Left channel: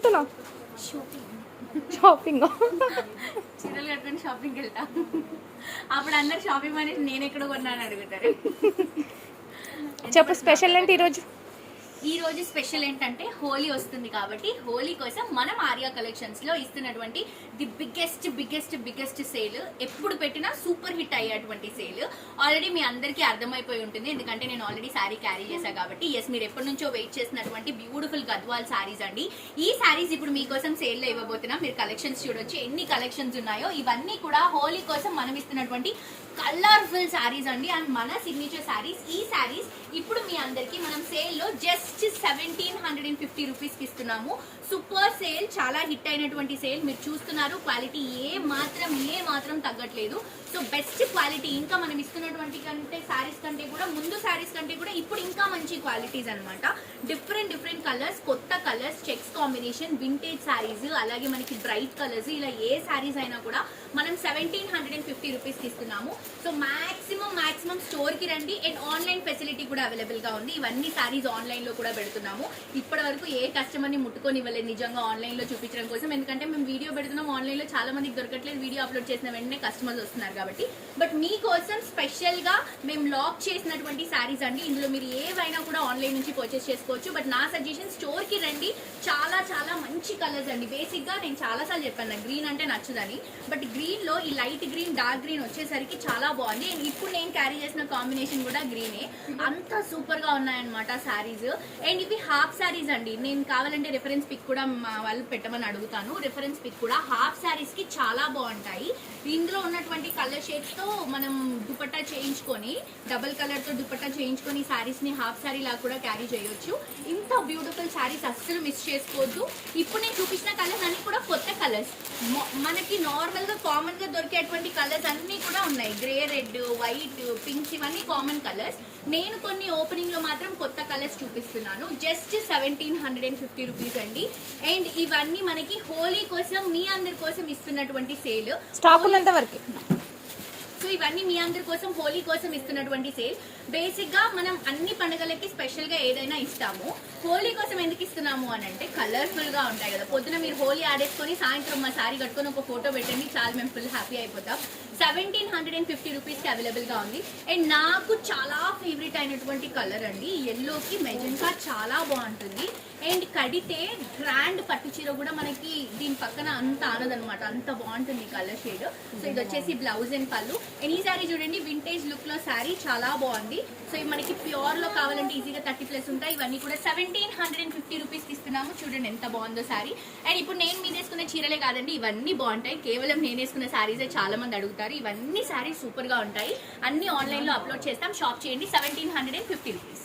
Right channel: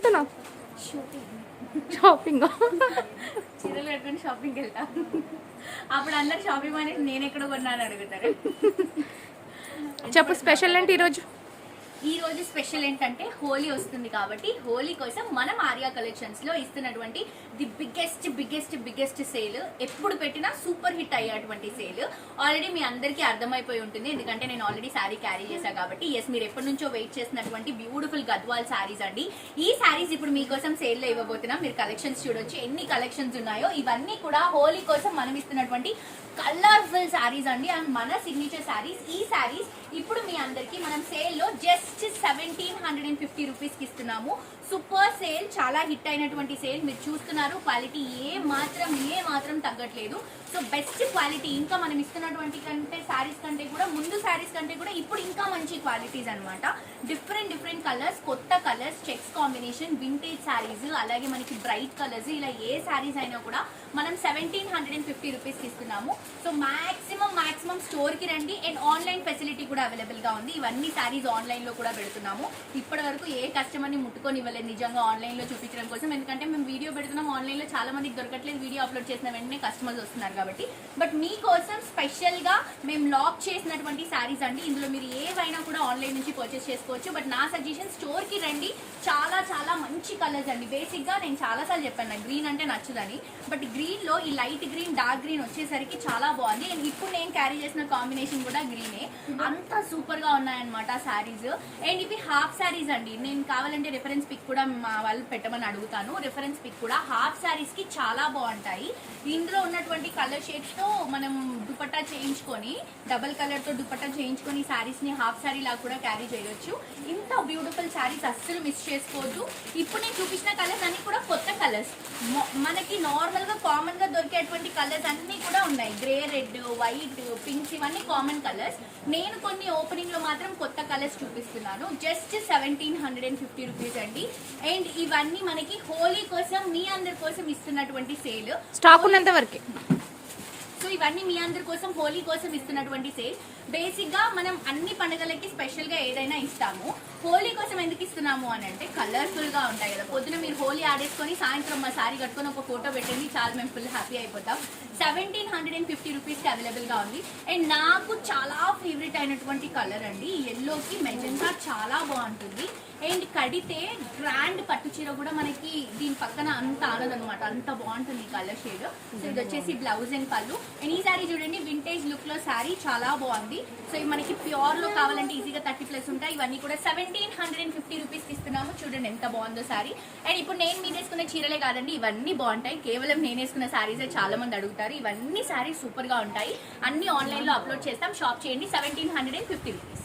వెళ్తున్నావు షాపింగ్ చీరలు కట్టుకొని షాపింగ్కి వెళ్తా అప్పుడు అందరు షాపింగ్ అనేది నేను ఎక్కడ కొన్నాను అడుగుతారు. చెప్పు స్పెషల్ ఏంటి ఈరోజు? ఈ రోజు స్పెషల్ ఏంటంటే హోలీ వస్తుంది కాబట్టి హోలీ కోసం మనం ఆర్యా కలెక్షన్స్లో ఇస్తున్నటువంటి the biggest biggest biggest sale. ఎప్పుడు పెట్టినా సూపర్ హిట్ అయ్యేటువంటి సేల్. ఆల్రెడీ మీ అందరికీ అర్థమైపోయి ఉంటుంది. ఎందుకంటే నేను ఆల్రెడీ శారీ క్యారీ చేశాను కాబట్టి ఎస్ మీరు ఎప్పటి నుంచో వెయిట్ చేసినటువంటి బ్యూటిఫుల్ గద్వాల్ శారీస్ అండి. ఈ శారీస్ ఇప్పుడు మీకోసం సేల్లో ఇవ్వబోతున్నాం. మీరు కలెక్షన్స్ చూడొచ్చు. ఎన్ని కలెక్షన్స్ ఉన్నాయో ఇవన్నీ కూడా హోలీ కోసం మనం ఇస్తున్నటువంటి కలర్ఫుల్ శారీస్ అండి అండ్ మన సిగ్నేచర్ శారీస్ ఈ శారీస్ ఇప్పుడు మీ అందరికి మనం సేల్లో just seventeen hundred and fifty రూపీస్కి ఇస్తున్నాము. సూపర్ సేల్ చాలా హిట్ అయినటువంటి సేల్ మీరు చూస్తున్నారు క్వాలిటీ ఏ మాత్రం ఏ మాత్రం తగ్గట్లేదు. సో బెస్ట్ క్వాలిటీ ఇంకా మనం ఇస్తున్నటువంటి కంటే శారీస్ ముందు శారీస్ కంటే కూడా ఇప్పుడు ఇంకా మంచి క్వాలిటీస్ అన్నమాట. డిఫరెంట్ డిఫరెంట్ కలర్స్ కొత్త colours checks combination vintage saris అలాగే మనకి బ్రైట్ కలర్స్ ఇలా ఏ శారీస్ అయినా కూడా మనం seventeen hundred and fifty rupees ఇస్తున్నాము సో మాక్సిమం మాక్సిమం స్టోర్కి రండి. అండ్ ఆన్లైన్ ఫెసిలిటీ కూడా అవైలబుల్గా ఉంది. ఇవన్నీ శారీస్ ఆన్లైన్లో కూడా పెడుతున్నాము. ఇప్పటి వరకు ఏ కస్టమర్ని ముట్టుకొని ఇవ్వలేదు నిజంగా ఆన్లైన్లో చూపించడం కోసం. ఎందుకంటే మేము వీడియో పెడుతున్నాం. ఆన్లైన్లో చాలా మందికి దొరకట్లేదు. వీడియో అప్లోడ్ చేసిన వెంటనే కస్టమర్స్ వస్తున్నారు కాబట్టి. బట్ మీకోసం స్పెషల్గా మేము లాక్ చేసిన చేసినటువంటి శారీస్ అండి. ఇందులో మీరు ఏవైనా కూడా ఆన్లైన్ నుంచి పర్చేస్ చేసుకోవచ్చు. బట్ నా సజెషన్ స్టోర్కి రండి. చాలా చాలా మంచి కలర్స్ అండి. బేసిక్గా నేను చాలాసార్లు చెప్పాను నాకు గ్రీన్ అంటే నచ్చదని. బట్ గ్రీన్లో ఈ లైట్ గ్రీన్ డార్క్ గ్రీన్ వచ్చేసరికి చాలా బాగుంది. అండ్ ఇప్పుడు నేను క్యారీ చేసిన కాంబినేషన్ కూడా గ్రీనే అంత సూపర్గా ఉన్నాయన్నమాట సారీస్ అండ్ ఇవి హాఫ్ సారీస్ అండి. నేను కావాలంటే రిఫరెన్స్ పిక్ కూడా మా వాళ్ళు పెట్టమని అడుగుతాను. రిఫరెన్స్ పిక్ కూడా హాఫ్ సారీస్కి చాలా బాగుంటాయి. ఇందులో ఉన్నటువంటి కలర్ షేడ్స్తో మనం దుపట్టా చేయించుకొని డబల్ కలర్తో దుపట్టా చేయించుకొని శారీస్ని హాఫ్ సారీ లాగా కూడా క్యారీ చేయొచ్చు. ఇంత బ్యూటిఫుల్ సారీస్ అస్సలు మిస్ చేసుకోవద్దు. ఇప్పుడు నేను చూపించిన కలర్స్ అన్ని కూడా కొత్త కలర్స్ మనకి నార్మల్గా కామన్గా దొరికేటువంటి కలర్స్ అన్ని కూడా ఉన్నాయి. గ్రే రెడ్ వైట్ పింక్స్ ఇవన్నీ కామన్ కలర్స్ నేను కొన్ని ఓపెనింగ్లో మాత్రం కొత్త కలర్స్ చూపిస్తున్నాను. Just seventeen hundred and fifty rupees అండి. అండ్ ఇవన్నీ మనకి హోలీ కోసం మీ అందరి కోసం ఇస్తున్నటువంటి సేల్ స్టాక్ ఉన్నంత వరకే. ఇవన్నీ మీ అందరి కోసం హోలీ కోసం ఇస్తున్నటువంటి సేల్. బేసిక్గా మనం అన్ని పండుగలకి స్పెషల్గా ఏదైనా ఇస్తాము. హోలీ కోసం ఎందుకు ఇస్తున్నాము అని అంటే కలర్ఫుల్గా ఉంటాయి కదా. పొద్దున మీరు హోలీ ఆడేసుకొని సాయంత్రం మా సారీ కట్టుకొని ఒక ఫోటో పెట్టండి చాలా మేము ఫుల్ హ్యాపీ అయిపోతాం. సెవెంటీన్ హండ్రెడ్ అండ్ ఫిఫ్టీ రూపీస్కి అవైలబుల్గా ఉంది. అండ్ నాకు చాలా ఫేవరెట్ అయినటువంటి కలర్ అండి ఎల్లోకి మెజెంటా చాలా బాగుంటుంది. అండ్ కడితే గ్రాండ్ పట్టు చీర కూడా మనకి దీని పక్కన అంత ఆనదనమాట అంత బాగుంటుంది కలర్ షేడ్. సో ఇది వచ్చేసి బ్లౌజ్ అండ్ పళ్ళు. అండ్ ఈ సారీ చూడండి వింటేజ్ లుక్లో సారీ చాలా బాగుంది. సో ఇవి మనకి ప్యూర్లో కావాలంటే ఈజీగా థర్టీ ప్లస్ ఉంటాయి. ఇవన్నీ కూడా seventeen hundred and fifty rupees ఇస్తున్నాము. చూడండి ఎంత బాగుందో సారీ అండ్ ఇప్పుడు నేను మీ వేసుకున్న చీరలే కాదండి ఇవన్నీ బాగుంటాయి. కేవలం నేను వేసుకున్న సారీసే చాలా మంది అడుగుతారు. ఇవన్నీ సారీస్ సూపర్గా ఉంటాయి. అన్ని ఆన్లైన్లో అప్లోడ్ చేస్తాం. షాప్ చేయండి seventeen hundred and fifty rupees